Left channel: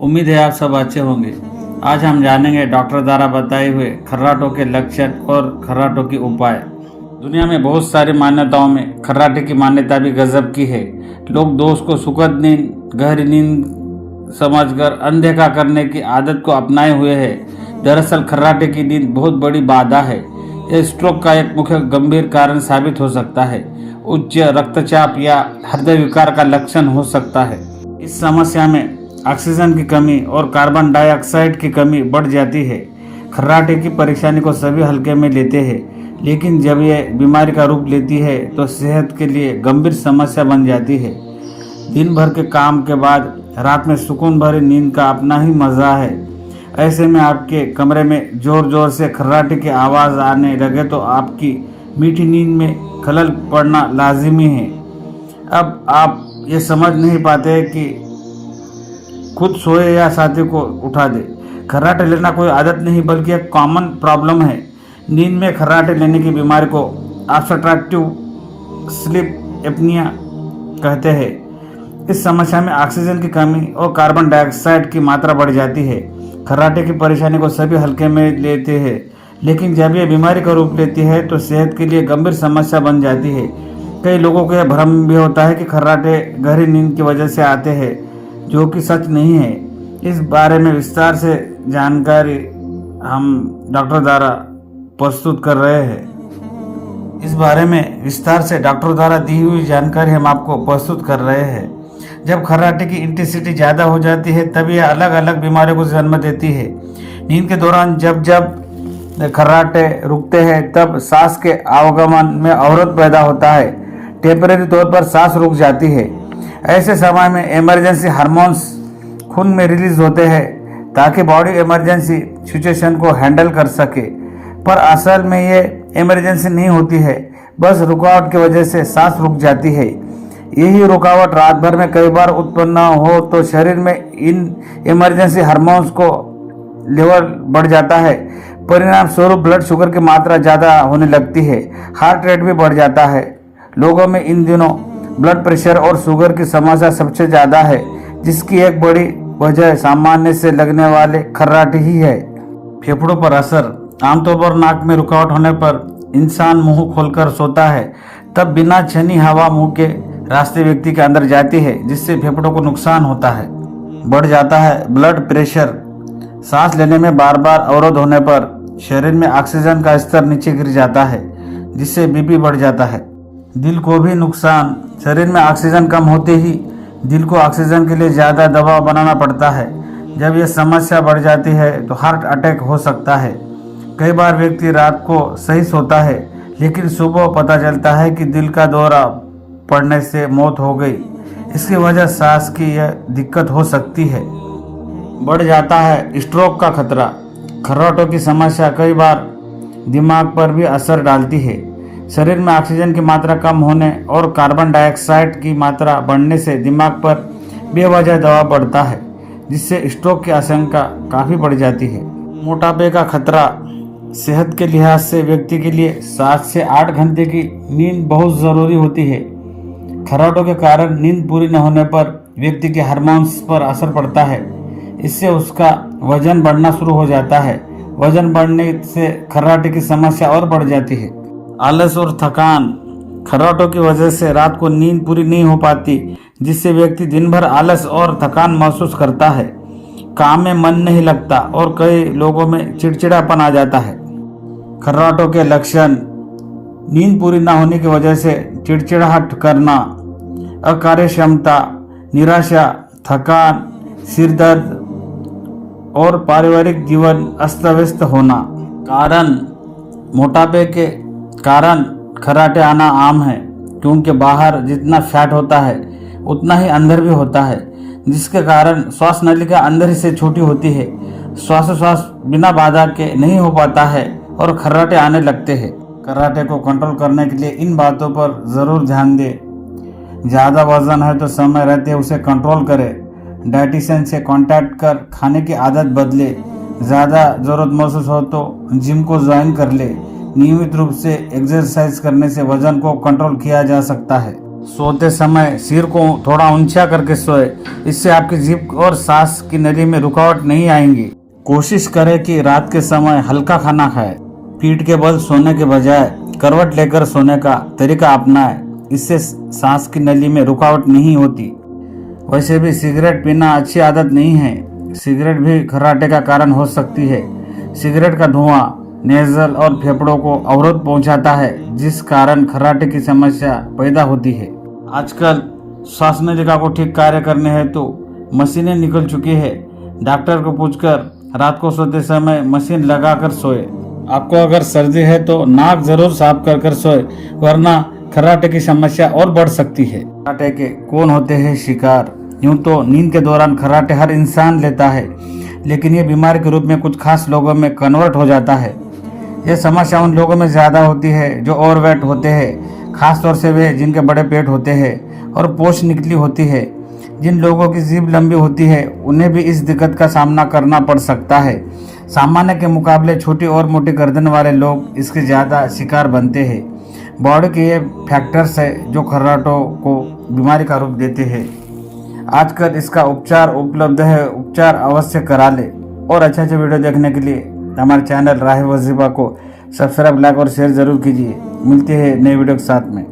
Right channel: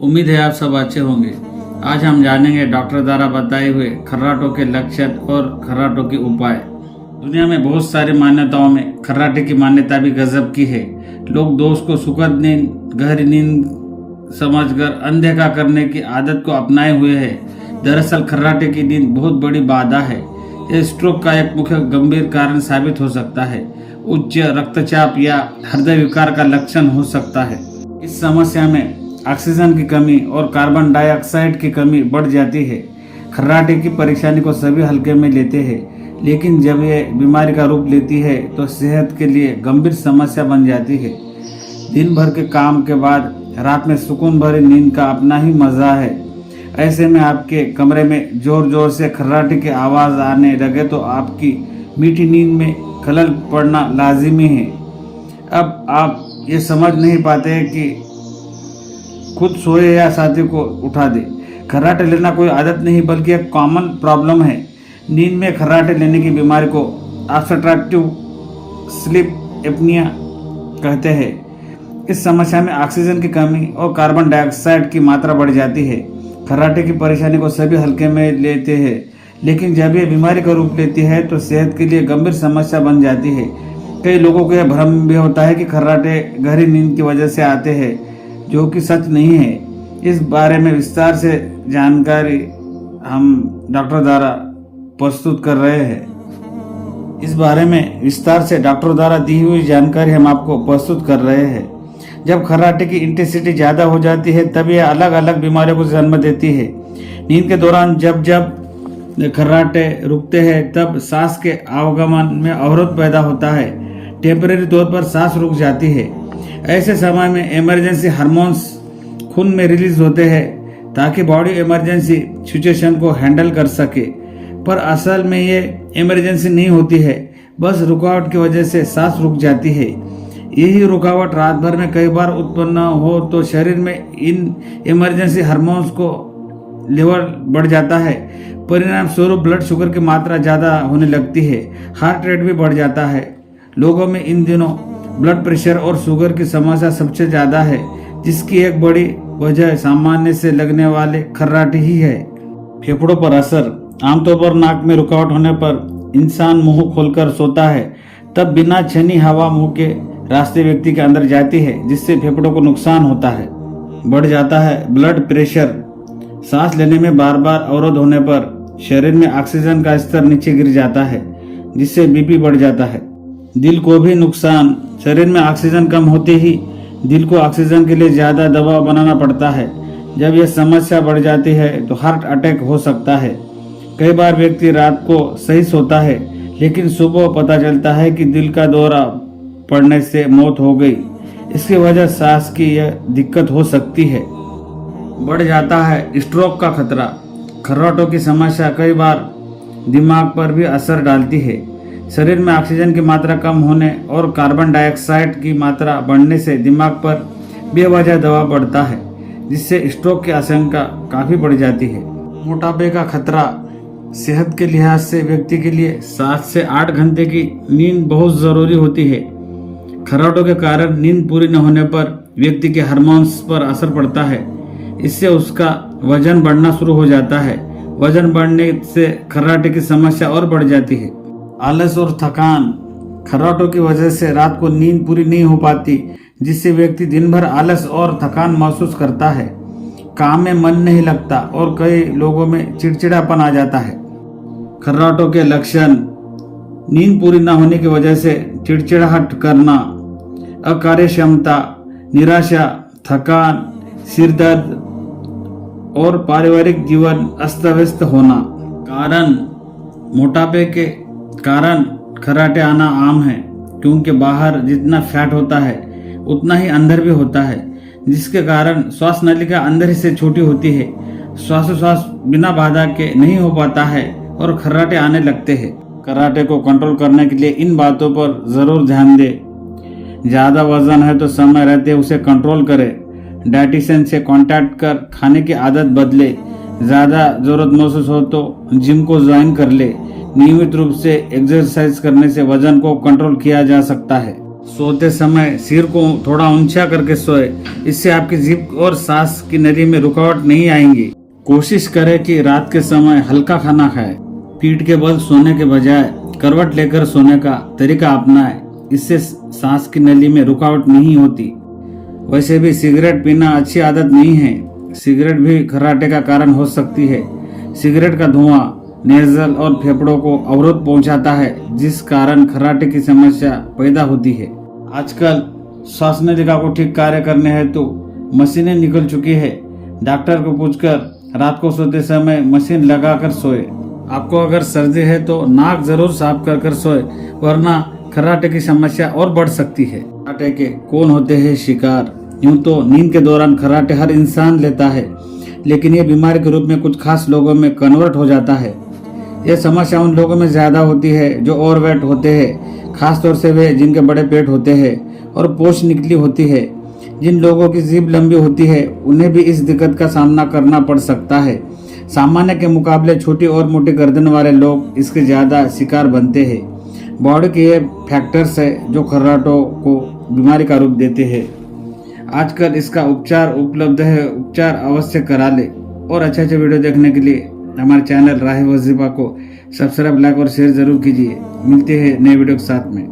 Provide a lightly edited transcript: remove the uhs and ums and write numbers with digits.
उम्मीद है आप सब अच्छे होंगे। आज हम जानेंगे डॉक्टर द्वारा बताए हुए खर्राटों के लक्षण और खर्राटों के उपाय। दुनिया में बहुत सारी मान्यताओं में खर्राटे की मान्यता भी गजब की है। लोग दोस्त को सुखद नींद, गहरी नींद समझकर अनदेखा करने की आदत को अपनाए हुए हैं। दरअसल खर्राटे की नींद बहुत बड़ी बाधा है। यह स्ट्रोक का एक मुख्य गंभीर कारण साबित हो सकता है। उच्च रक्तचाप या हृदय विकार का लक्षण हो सकता है। इस समस्या में ऑक्सीजन की कमी और कार्बन डाइऑक्साइड की कमी बढ़ जाती है। खर्राटे की परेशानी को सभी हल्के में लेते हैं, लेकिन जब यह बीमारी का रूप लेती है तो सेहत के लिए गंभीर समस्या बन जाती है। दिन भर के काम के बाद रात में सुकून भरी नींद का अपना ही मज़ा है। ऐसे में आपके कमरे में जोर जोर से खर्राटे की आवाज़ आने लगे तो आपकी मीठी नींद में खलल पड़ना लाजिमी है। अब आप ये समझ नहीं पाते कि खुद सोए या साथी को उठा दे। खर्राटे लेना कोई आदत नहीं बल्कि एक कॉमन प्रॉब्लम है। नींद में खर्राटे लेने की बीमारी को ऑब्स्ट्रक्टिव स्लीप एपनिया कहते हैं। इस समस्या में ऑक्सीजन की कमी और कार्बन डाइऑक्साइड की मात्रा बढ़ जाती है। खर्राटे की परेशानी को सभी हल्के में लेते हैं, लेकिन जब यह बीमारी का रूप लेती है तो सेहत के लिए गंभीर समस्या बन जाती है। कई लोगों को यह भ्रम भी होता है कि खर्राटे गहरी नींद की वजह से आते हैं, जो कि सच नहीं है। इस बारे में विस्तार से जानकारी हम डॉक्टर द्वारा प्रस्तुत कर रहे हैं। इस बारे में विस्तार से डॉक्टर द्वारा दी हुई जानकारी हम आपको प्रस्तुत कर रहे हैं। जब खर्राटे की इंटेंसिटी ज़्यादा हो जाती है तब यह अलग अलग बीमारियों को जन्म देती है। नींद के दौरान जब जब खर्राटे रुकते हैं तब सांस के आवागमन में अवरोध पैदा होता है। टेम्परेरी तौर पर सांस रुक जाती है। ऐसे समय में इमरजेंसी हार्मोन्स खून में रिलीज होते हैं ताकि बॉडी इमरजेंसी सिचुएशन को हैंडल कर सके, पर असल में ये इमरजेंसी नहीं होती है, बस रुकावट की वजह से सांस रुक जाती है। यही रुकावट रात भर में कई बार उत्पन्न हो तो शरीर में इन इमरजेंसी हार्मोन्स को लेवल बढ़ जाता है। परिणाम स्वरूप ब्लड शुगर की मात्रा ज़्यादा होने लगती है। हार्ट रेट भी बढ़ जाता है। लोगों में इन दिनों ब्लड प्रेशर और शुगर की समस्या सबसे ज़्यादा है, जिसकी एक बड़ी वजह सामान्य से लगने वाले खर्राटे ही है। फेफड़ों पर असर। आमतौर पर नाक में रुकावट होने पर इंसान मुंह खोलकर सोता है, तब बिना छनी हवा मुंह के रास्ते व्यक्ति के अंदर जाती है, जिससे फेफड़ों को नुकसान होता है। बढ़ जाता है ब्लड प्रेशर। सांस लेने में बार बार अवरोध होने पर शरीर में ऑक्सीजन का स्तर नीचे गिर जाता है, जिससे बीपी बढ़ जाता है। दिल को भी नुकसान। शरीर में ऑक्सीजन कम होते ही दिल को ऑक्सीजन के लिए ज़्यादा दबाव बनाना पड़ता है। जब यह समस्या बढ़ जाती है तो हार्ट अटैक हो सकता है। कई बार व्यक्ति रात को सही सोता है, लेकिन सुबह पता चलता है कि दिल का दौरा पड़ने से मौत हो गई। इसकी वजह सांस की यह दिक्कत हो सकती है। बढ़ जाता है स्ट्रोक का खतरा। खर्राटों की समस्या कई बार दिमाग पर भी असर डालती है। शरीर में ऑक्सीजन की मात्रा कम होने और कार्बन डाइऑक्साइड की मात्रा बढ़ने से दिमाग पर बेवजह दबाव बढ़ता है, जिससे स्ट्रोक की आशंका काफ़ी बढ़ जाती है। मोटापे का खतरा। सेहत के लिहाज से व्यक्ति के लिए 7 से 8 घंटे की नींद बहुत ज़रूरी होती है। खर्राटों के कारण नींद पूरी न होने पर व्यक्ति के हार्मोन्स पर असर पड़ता है। इससे उसका वजन बढ़ना शुरू हो जाता है। वजन बढ़ने से खर्राटे की समस्या और बढ़ जाती है। आलस और थकान। खर्राटों की वजह से रात को नींद पूरी नहीं हो पाती, जिससे व्यक्ति दिन भर आलस और थकान महसूस करता है। काम में मन नहीं लगता और कई लोगों में चिड़चिड़ापन आ जाता है। खर्राटों के लक्षण। नींद पूरी न होने की वजह से चिड़चिड़ाहट करना, अकार्यक्षमता, निराशा, थकान, सिर दर्द और पारिवारिक जीवन अस्त व्यस्त होना। कारण। मोटापे के कारण खर्राटे आना आम है, क्योंकि बाहर जितना फैट होता है उतना ही अंदर भी होता है, जिसके कारण श्वास नलिका अंदर ही से छोटी होती है। श्वासोच्छ्वास बिना बाधा के नहीं हो पाता है और खर्राटे आने लगते हैं। खर्राटे को कंट्रोल करने के लिए इन बातों पर ज़रूर ध्यान दें। ज़्यादा वजन है तो समय रहते उसे कंट्रोल करें। डाइटिशियन से कांटेक्ट कर खाने की आदत बदले। ज़्यादा ज़रूरत महसूस हो तो जिम को ज्वाइन कर ले। नियमित रूप से एक्सरसाइज करने से वजन को कंट्रोल किया जा सकता है। सोते समय सिर को थोड़ा ऊंचा करके सोए, इससे आपकी जीभ और सांस की नली में रुकावट नहीं आएंगी। कोशिश करें कि रात के समय हल्का खाना खाएं। पीठ के बल सोने के बजाय करवट लेकर सोने का तरीका अपनाएं, इससे सांस की नली में रुकावट नहीं होती। वैसे भी सिगरेट पीना अच्छी आदत नहीं है। सिगरेट भी खर्राटे का कारण हो सकती है। सिगरेट का धुआं नेजल और फेफड़ों को अवरोध पहुंचाता है, जिस कारण खर्राटे की समस्या पैदा होती है। आजकल श्वास नलिका को ठीक कार्य करने हेतु मशीनें निकल चुकी है। डॉक्टर को पूछकर रात को सोते समय मशीन लगाकर सोए। आपको अगर सर्दी है तो नाक जरूर साफ कर सोए, वरना खर्राटे की समस्या और बढ़ सकती है। खर्राटे के कौन होते हैं शिकार? यूं तो नींद के दौरान खर्राटे हर इंसान लेता है, लेकिन ये बीमारी के रूप में कुछ खास लोगों में कन्वर्ट हो जाता है। यह समस्या उन लोगों में ज्यादा होती है जो ओवरवेट होते हैं, खासतौर से वे जिनके बड़े पेट होते हैं और पोष निकली होती है। जिन लोगों की जीभ लंबी होती है उन्हें भी इस दिक्कत का सामना करना पड़ सकता है। सामान्य के मुकाबले छोटी और मोटी गर्दन वाले लोग इसके ज्यादा शिकार बनते हैं। बॉडी के ये फैक्टर्स है जो खर्राटों को बीमारी का रूप देते हैं। आजकल इसका उपचार उपलब्ध है, उपचार अवश्य करा ले। और अच्छे अच्छे वीडियो देखने के लिए हमारे चैनल राह वजीफा को सब्सक्राइब, लाइक और शेयर जरूर कीजिए। मिलते हैं नए वीडियो के साथ में।